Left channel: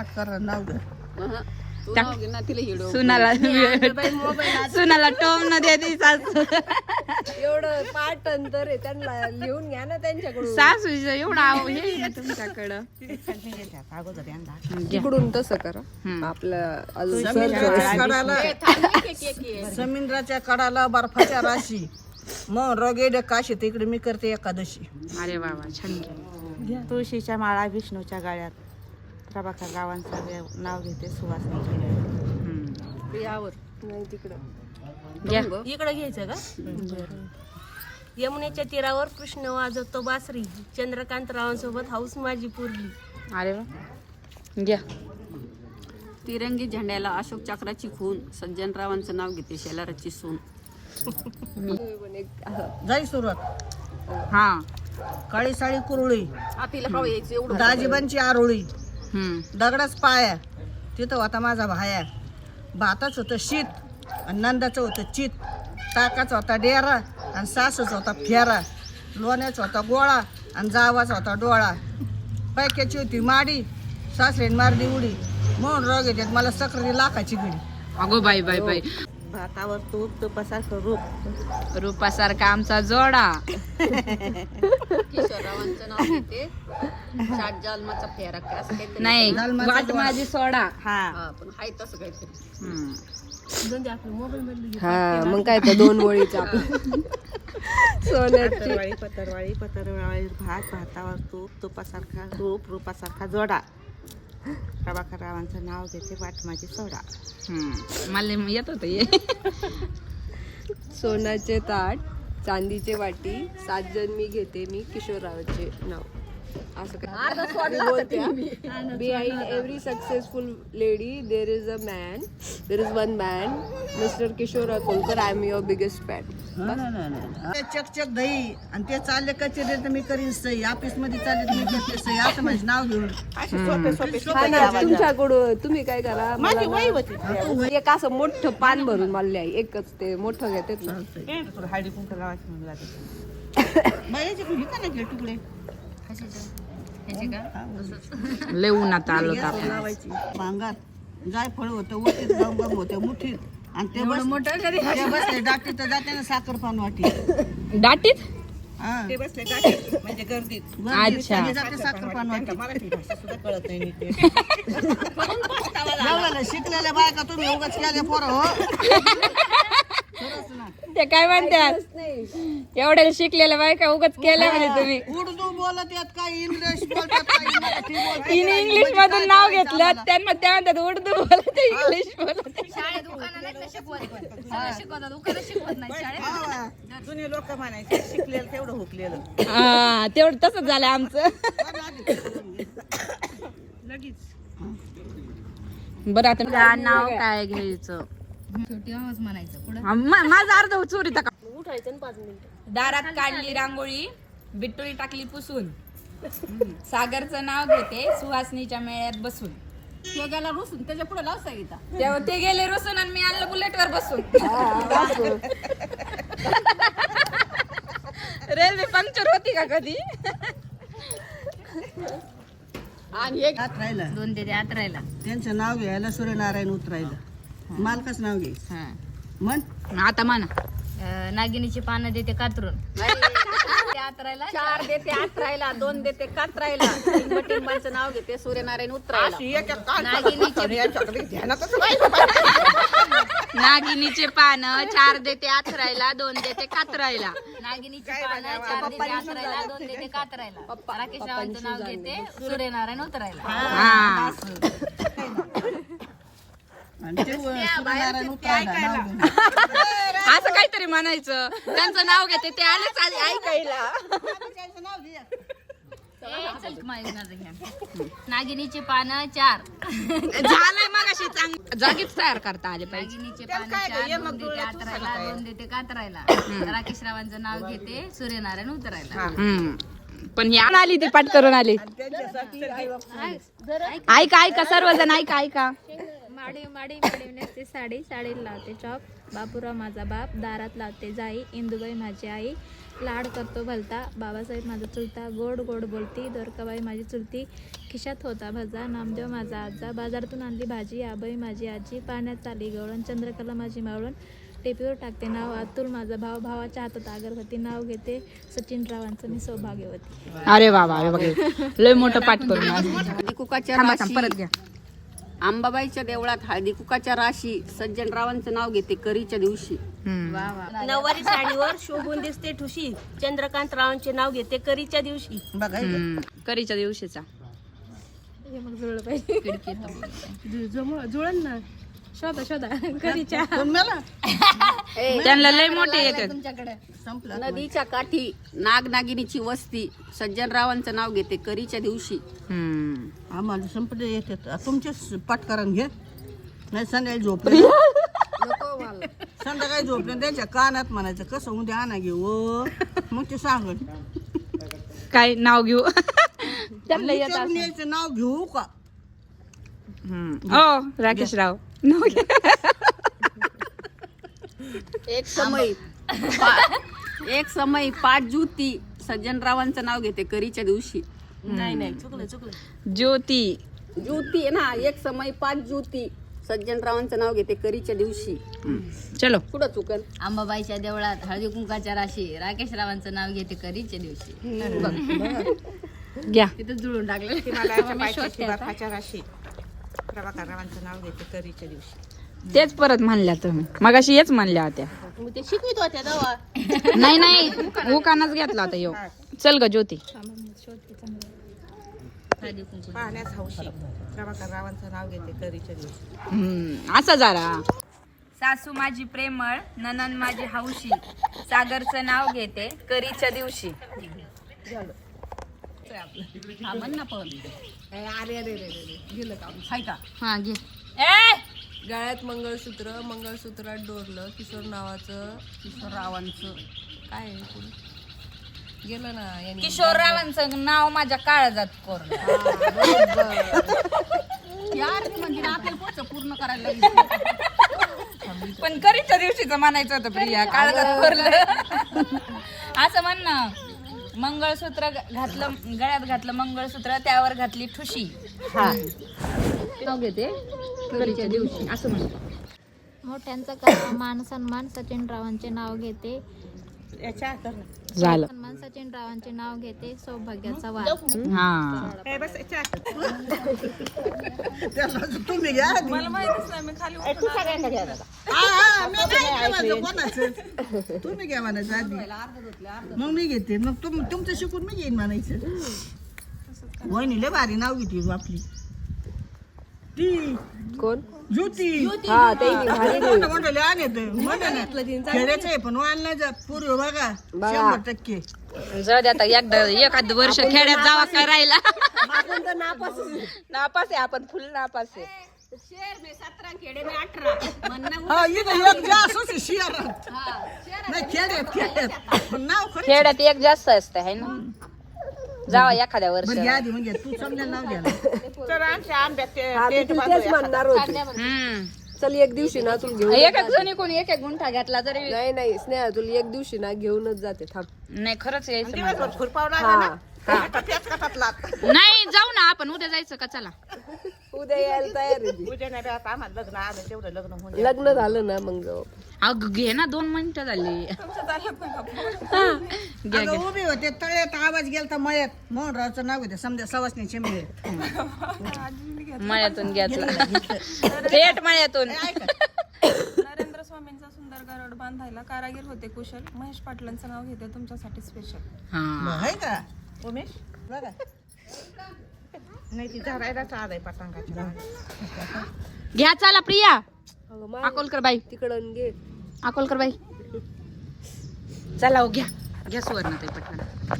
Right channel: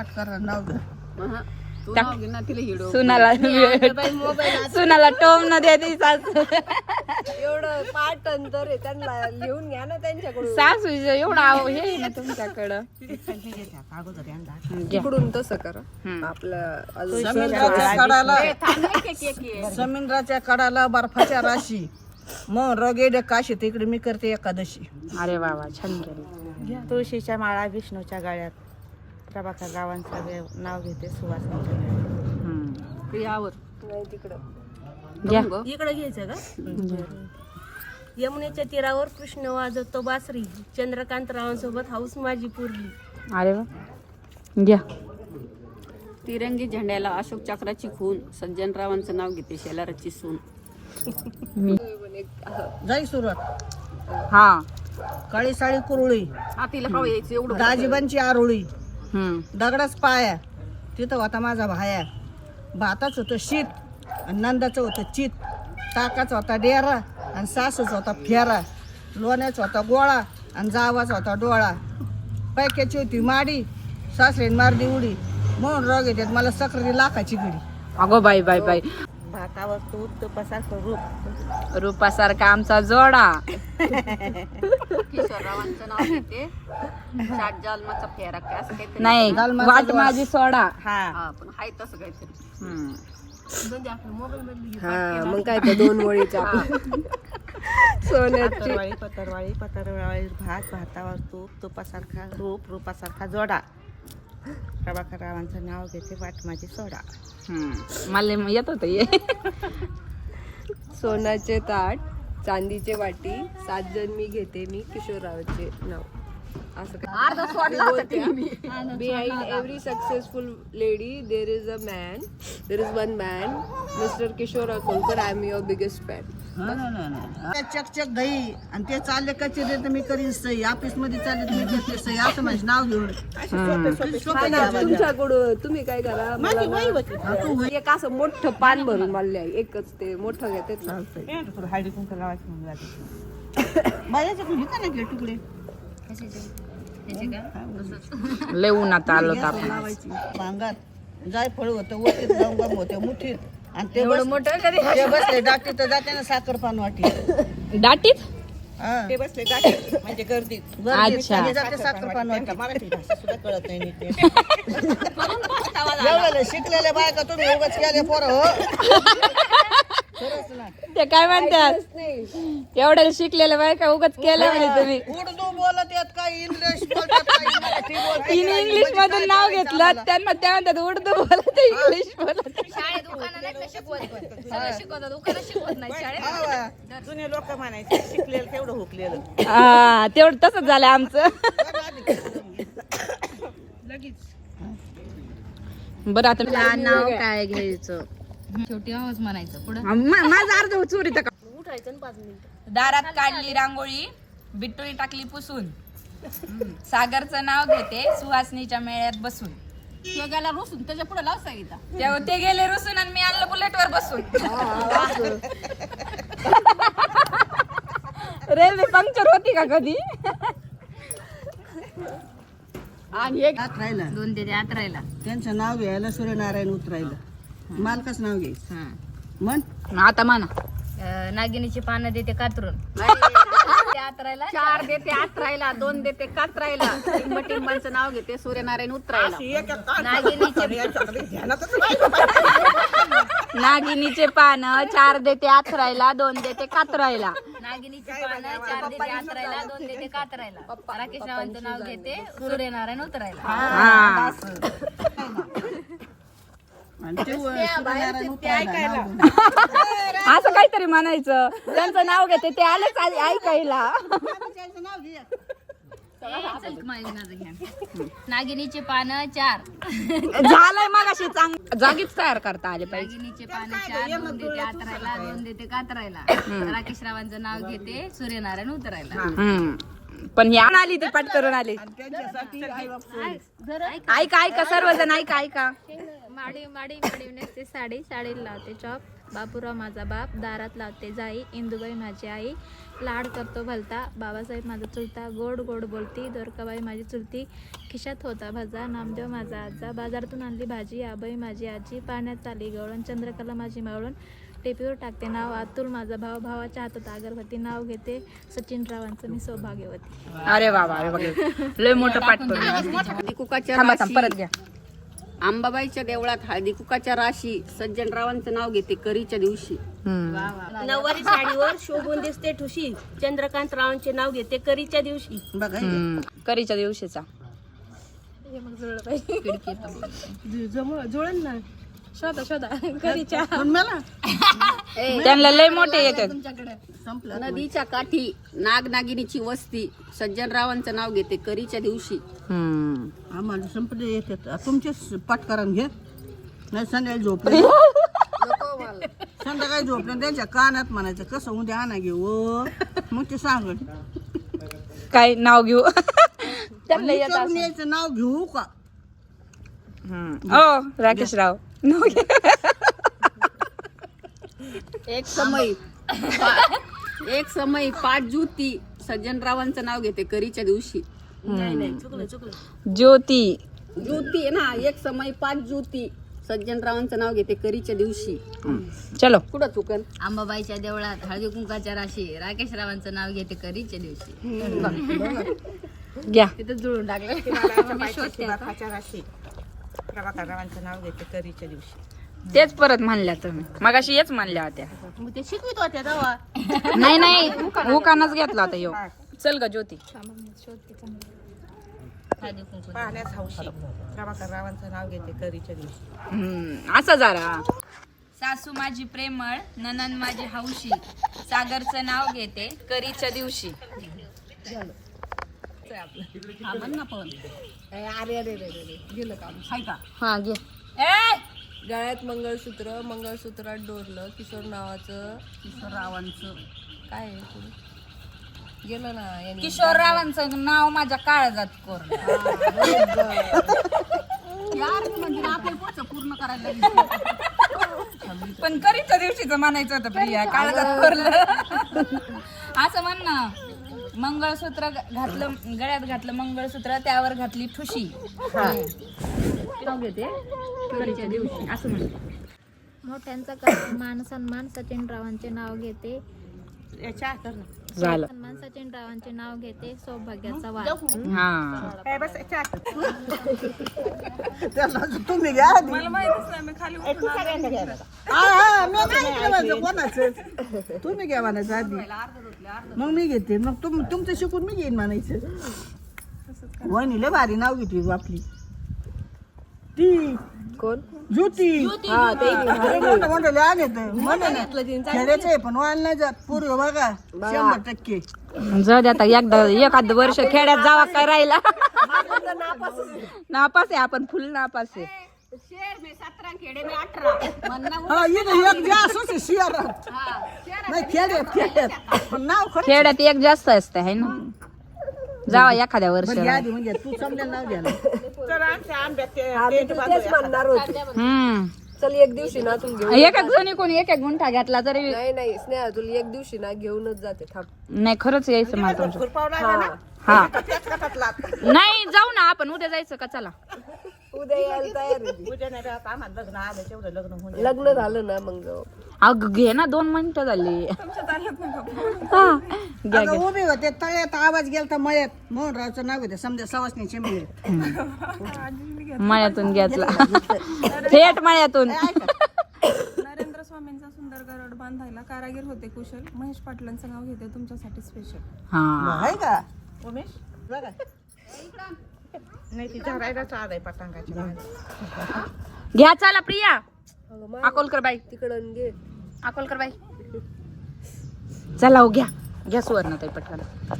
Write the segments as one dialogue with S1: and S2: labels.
S1: पाठ करा नाव घ्या.
S2: सुनाला सुनाला टोम न दे ती सासू.
S3: एवढं पाठ अंतर आहे त्यांना लिहून घ्या ना त्यांच्याकडून.
S2: सासूचं एवढं हे आहे ना तुमच्याकडं.
S3: इकडून तसं करा. आपलं
S1: समुद्राच्या कडाला बर्फाच्या राशी मग रगेड काशी तिकडे मी करते एकादशी.
S2: अरे वा वा छान केलं. तुळशीच्या माळा विष्णूच्या गळ्यात प्रभाकर रावांचं नाव घेते सुवासिनीच्या गळ्यात.
S3: यावर नाही तिकडं
S4: इकडे घ्यायचं का? यमुनेच्या तीरावर कृष्ण वाजवतो बासरी, चंद्रकांत रावांसोबत हाऊस माझी पुरली.
S2: अरे वा घ्या.
S5: तिरंगी झेंड्याला अशोक चक्राची खून, सज्जनरावांचं नाव घेते शेलाराची सून.
S1: जाई सुरुवात.
S2: हा
S1: काळी साडी कुरळी दाजीबांची आरोळी दगडाच पाया तिथं होता माझा भाया. भाताचं होतं शीत आणि नंदाचं होतं चित. टाकाचा होता डेरा आणि सासूचा होता फेरा. लोण्याचा होता गोळा आणि जावाचा होता डोळा. पैक्याची होती माडी सासरेन मारली उडी. म्हणून रोग येतात मला सक्री लाखाची घडी.
S2: अगो बाई बाई बाई.
S4: भातावर तूप तुपासारखं रूप,
S2: रूपासारखा आमचा जोडा. नाही वाट माझी सोडा.
S3: हा मग काय तर दोन वळीचा आपलं सोन्याची
S4: पतरवाळी पतरवाळी भात, भातावर तूप तुपासारखा रूप, रूपासारखा जोडा. प्रभाकर रावांचं नाव घेते वाट माझी सोडा.
S2: मला येत होत ये.
S3: सोन्याचे ताट चांदीचे वाटी 7 जण मी घेते मी किशोररावांचे नाव. असं काय मी बोलते. Behind every successful lady there is a man, there is one man, mister Kishore Akolkar. I am your biggest fan.
S1: चकचक दही आणि ते चालले कचेरी तर मी करीन सही. ऑफिस मध्ये चालले तर मी करते सही. असं माझं नाव घेऊन
S3: तुमच्याकडून तुम्ही काय करा मला एक असं मोठं पान भरून मला लिहा. एकच ते मोठं घेते
S1: हळदी कुंकू लावायची म्हणून माझ्याच्या का ना घे तुकडे
S2: लय उन्हात आलो
S1: लावायची. भांगात जाय फळ होतं वटीत गंगम होते मुठीत आणि ते बसले डाटीत तर जाते ना साखर पान वाटी.
S2: दाटीत
S1: ते बसले डाटीत म्हणजे गर्दीत जाते साखर पान वाटी. मराठी भाषा सुद्धा कळत नाही नीट. शिकलेल्या बायका तुम्ही उगाच केले पोरं हो.
S2: ते काय म्हणतात एवढ्या शिकलेल्या बायका उगाच केल्या म्हणे तुम्ही.
S1: उर्दू बोलत येत काय इंग्लिश बोलतात काय मराठी बोलतात.
S2: तिने इंग्लिश मधून नाव घेतलं त्यांना त्या म्हणतात उर्दू बोलत इंग्लिश बोलत.
S1: जुने लोक म्हणायचे शिकलेलं तेवढं हुकलेलं.
S2: हा तेवढं तसंच झालं आमचं. बरं आता नाव काय घ्यायचं.
S5: छोटी आवाज म्हणायचं पुढे.
S2: माझा अर्ध चोरी का.
S4: उठायचं 5 मिनिटं.
S2: दारात काढली रांगोळी, बिट्टोळी टाकली पुसून. सागरचं नाव घेते सुहासनीच्या मेळ्यात बसून.
S5: तो गेला रुसून त्याच्या पुढे लाव सांगितलं.
S2: तेव्हा ते गेले रुसून आणि मी आणलं बुलेटवर बसून. रेल्वे पंक्चर होती का कधी.
S5: आणि एक
S1: आत राहिला
S5: 2 देते आत राहिला.
S1: त्यांचं नाव घ्यायला सूर्यनारायण उतरायला. मालकाच नाव घ्यायचं म्हण.
S2: आता म्हणा.
S5: नागिनीची पानं देते कातरून. आत राहिला 4 देते आत राहिला 2 देते कात राहिला. टिंबाचं नाव घेते सूर्यनारायण उतरायला.
S2: नागिनीचे पान 4 देते आथरायला 2 देते कातरायला.
S5: नागिनीची पानं 4 देते आत राहिला 2 देते कात राहिला. राकेश रावांचं नाव घेते सूर्यनारायण उतरायला.
S2: हा असं काहीतरी म्हणायचं. त्यांचं नाव घेते ते आलेच ऐकायला.
S5: नागिनीचे पानं 4
S2: झालंय मग अशी जागीच तयार करता आले पाहिजे.
S5: नागिनीचे पानं 4 2 देते आत राहिला 2 देते कात राहिला. राकेश रावांचं नाव घेते सूर्यनारायण उतरायला.
S2: पण ही आली ती पाठ करून आली. ऐका ऐका सर्वजण ऐका ऐका.
S6: माडी माडी माडी नेसते साडी साडी लावते चॉप. बापूराव माझा बाप दारात लावते जाई. इंदुबाई माझी आई लाड करतो भलता. बाबासाहेब माझा चुलता गोड गोड बोलती. दोरकाबाई माझी चुलती खिशात होता भजा. नामदेव माझा आजा बाजारातून आणली भाजी. आबाई माझी आजी पाण्यात चाली गवळण. चंद्रकला माझी मावळण टेपीवर टाकते नाव. अतुल माझा भाव भावाच्या हातात अगरबत्ती. नाव घेते सचिन रावांचं मी सौभाग्यवती.
S2: अरे वा वा बघा लय मोठं पाठ करून
S3: हळदी कुकाच्या
S2: थांबा
S3: राशी.
S2: परत घ्या.
S3: अंबाबाईच्या देवळात हळदी कुकाच्या राशी. सज्जनरावांचं नाव घेते करीच्या दिवशी.
S7: नऊवारी साडीवर शोभून दिसते ठुशी. चंद्रकांत रावांचे नाव घेते करीच्या दिवशी.
S2: करीच्या दिवशीचा
S7: जुळण ना शोधा शोधा करीच्या.
S2: त्यांना लय मोठे येतात.
S3: नदीच्या काठी नागनागिनीची वस्ती. सज्जनरावांचं नाव घेते करीच्या दिवशी.
S1: आम्हाला संपले येतात. तुमचे पाठकारण घे नाही संध्याकाळी झोपले. संध्याकाळी झोपले त्यांच्या कानात म्हणायचं कसं उद्या आणा घेऊ. मग ते सांगत
S2: काय नाव घेऊ.
S1: विचारून यायचं नाव घेऊ का.
S2: ओ राकेश राव नाव घ्या.
S3: एक समय 5 ज्योती. सज्जनरावांचं नाव घेते करीच्या दिवशी.
S7: नाही नाही चुकलं चुकलं.
S2: ज्योती
S3: ज्योती आहे ना. एक समय 5 ज्योती. सज्जनरावांचं नाव घेते करीच्या दिवशी.
S2: चलो
S3: कुठं चुकन.
S5: अंबाबाईच्या देवळात हळदी कुंकाच्या राशी. राकेश रावांचं नाव घेते करीच्या दिवशी.
S2: घ्या.
S5: तिथं जुळून टाकलं.
S4: राशी. प्रभाकर रावांचं नाव घेते करीच्या दिवशी.
S2: तेच परत म्हणल्या तुम्ही मगाशी हेच म्हणल्या होत्या.
S7: ते शिकवित होत्या दवा.
S2: नाही नाही उकानाच घेतला होता यो. चल ग ज्योती.
S4: पाहण्यास हौशी. प्रभाकर रावांचं नाव घेते करीच्या दिवशी.
S2: असं जरा.
S8: सासू माझी प्रेमळ ननन माझी हौशी. सागरचं नाव घेते करीच्या दिवशी.
S3: गेलं का का.
S2: हा घे.
S3: गळ्यात मंगळसूत्र. मंगळसूत्रात डोरलं. किशोर नावाचं. किशोररावांचं काय आहे पुढे गेलं ना. यांनी
S8: किशोररावांचं नाव माझ्या काळजात कोर.
S3: पूर्ण करायला
S8: पण करीच्या दिवशीच म्हणायचं होतं प्रिया. काळजात कोरलं असं म्हण ना. मंगळसूत्र घातलं गळ्यात घातलं मंगळसूत्र त्यावर घातली ठुशी.
S5: नाव घेते करीच्या दिवशी असं म्हण.
S6: मोठ्यांचा करावा मान सन्मान. सचिन रावांचे नाव घेते.
S2: झालं.
S6: सन्मान सचिन रावांचे नाव घेते सौभाग्याचा वार.
S2: हा
S1: तुम्ही घ्या आधी.
S8: मला माहितीच नाही मी खाली
S1: कोणाचं तुम्ही घ्या म्हणायचं आधी. मग मी घेते. मग तुमचं शिकून मी घेईन म्हणायचं. वहिनी लय भारी नाव घेते आपली ती
S3: कोण.
S1: ज्योती. मोठे आण येत म्हणे ना खेड्याचं आहे पण वाढ नाही जात. पूर्व बघा 100%.
S2: जाऊ दे आता एकदा एखाद वर्ष खेड्यात जावा काय राहिला. नापास आहे आपण फुल नापास आहे.
S1: हा इथं एक जास्त होते शहरात. नाही खेड्यात पण नाव खरं.
S2: खेड्यात एक जास्त असते है ना. जावा एखाद्या वर्ष.
S1: बरं घ्या आधी म्हणजे तू समजा नाव घ्यायला.
S3: चल एक दिवशी ना तू घेऊन.
S2: एक एक जणी कोणी एक एक गुंठा घेतला तरी
S3: नाही नाही स्नेहा तुला एक दिवशी ना घेऊनच जाते. थांब.
S2: नाही खरंच यायचं माझं.
S3: हा.
S2: नाही जाऊ ना आपण उद्या जायचं का. चला
S3: उद्या यायला तयार आहे ती. लग्न झालं ना मग
S2: अग घे ना 2 मिनिटं झाली. हा घ्या
S1: अगं
S2: घ्या.
S1: उभी होते तळ्यात आवाज गेलता मळ्यात. मोहनरावचं नाव घेते समजा सवासणीचे मिळे.
S2: मळ्यातून घेतला. थेट मळ्यातून.
S9: नरेंद्र स्वामींचा सुंदर गरड बांधायला कारागीर होते कुशल. महेश पाटलांचं नाव घेते तुमच्यासाठी स्पेशल.
S2: हा
S1: आहे का
S4: उमेश नाही ती झाडायलाच आलाय पतंगाच्या मागे.
S2: घ्या चला प्रिया. अकोलकर बाई
S3: तिकडं घे.
S2: अकोलकर बाई चला हो घ्या. घ्या सुवर्ण ताई पटकन.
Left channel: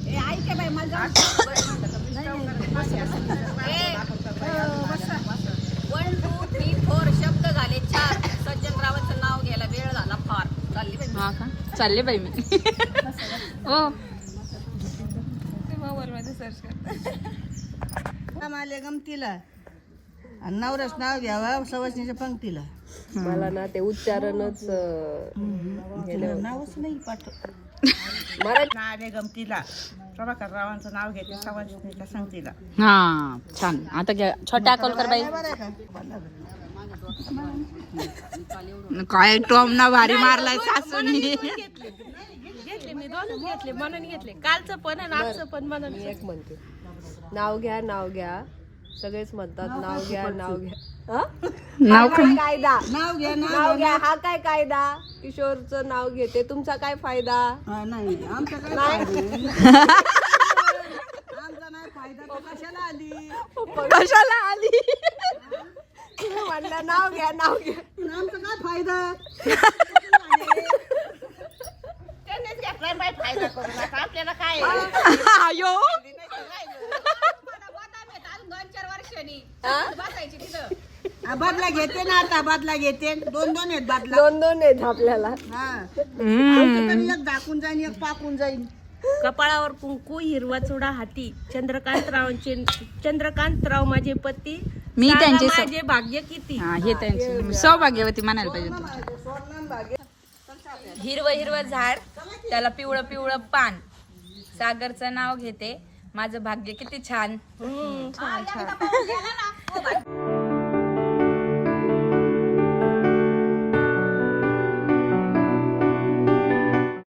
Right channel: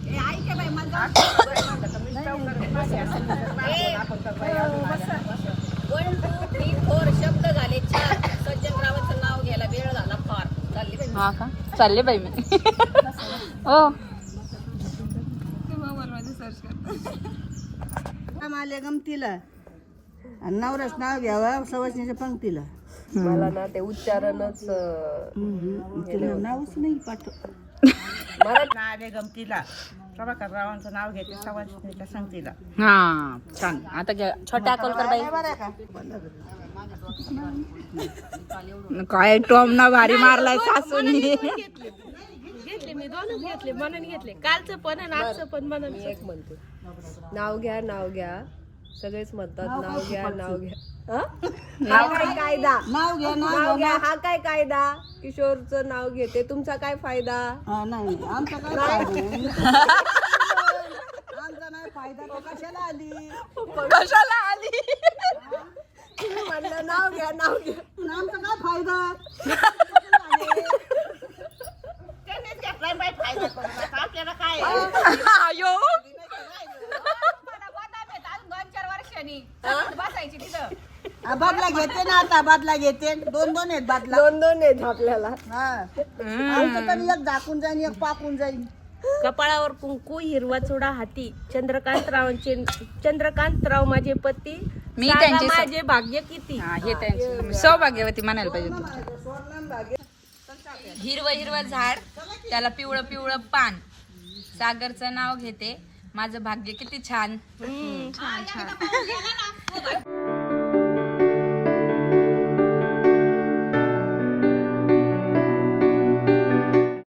S5: 1 2 3 4 शब्द झाले 4. सज्जनरावांचं नाव घ्यायला वेळ झाला फार. चालली बाई.
S2: हा का चालले बाई मी. ओ
S9: मोबाईल मध्ये सर्च कर.
S1: आले गमतीला आणि नवऱ्याच नाव घ्यावा सवासणीच्या पंक्तीला.
S3: मला ना ते उच्चारणच
S1: तिला नावच नाही पाठव.
S4: ना आले गमतीला प्रभाकर रावांचं नाव घेते सवासणीच्या संगतीला.
S8: हा छान. आता घ्या छोट्या अकोलकर बाई. काय टॉम ना भारी मारलाय सासूनी.
S7: घेतले मी दोनच घेतले, मनाने घेतले. कालचं पण आणि आजचं पण मनाने.
S3: एक म्हणते नाव घ्या नाव घ्या, सगळेच म्हणतात नाव घ्या नाव घ्या. हा काय कायदा? नाव घ्या हा काय कायदा? किशोरचं नाव घेते, तुमचा काय फायदा?
S1: नाही आमचा काय
S3: नाही.
S1: आमचा नाही फायदा तर कशाला आली?
S3: म्हणलं नाव घ्या नाव घ्या.
S1: आमचा काय फायदा?
S4: आपल्याला काय
S1: बदला घेते ना आता, बदला घेते. दोन दोन आहेत बदला.
S3: दोन दोन आहेत आपल्याला.
S1: हा आमचं तरी एक झाकून जाईन एक पाकून जाईन.
S7: कपाळावर कुंकू, हिरवा चुडा हाती, चंद्रकांतराव माझे पती,
S8: मी
S7: सांगा
S8: त्यांचे
S7: माझे भाग्य किती.
S8: हा, हे त्यांची सौभाग्यवती म्हणायला पाहिजे. हिरवं हिरवं झाड, त्याला पिवळं पिवळं पान, सागरचं नाव घेते, माझं भाग्य किती छान. छान छान.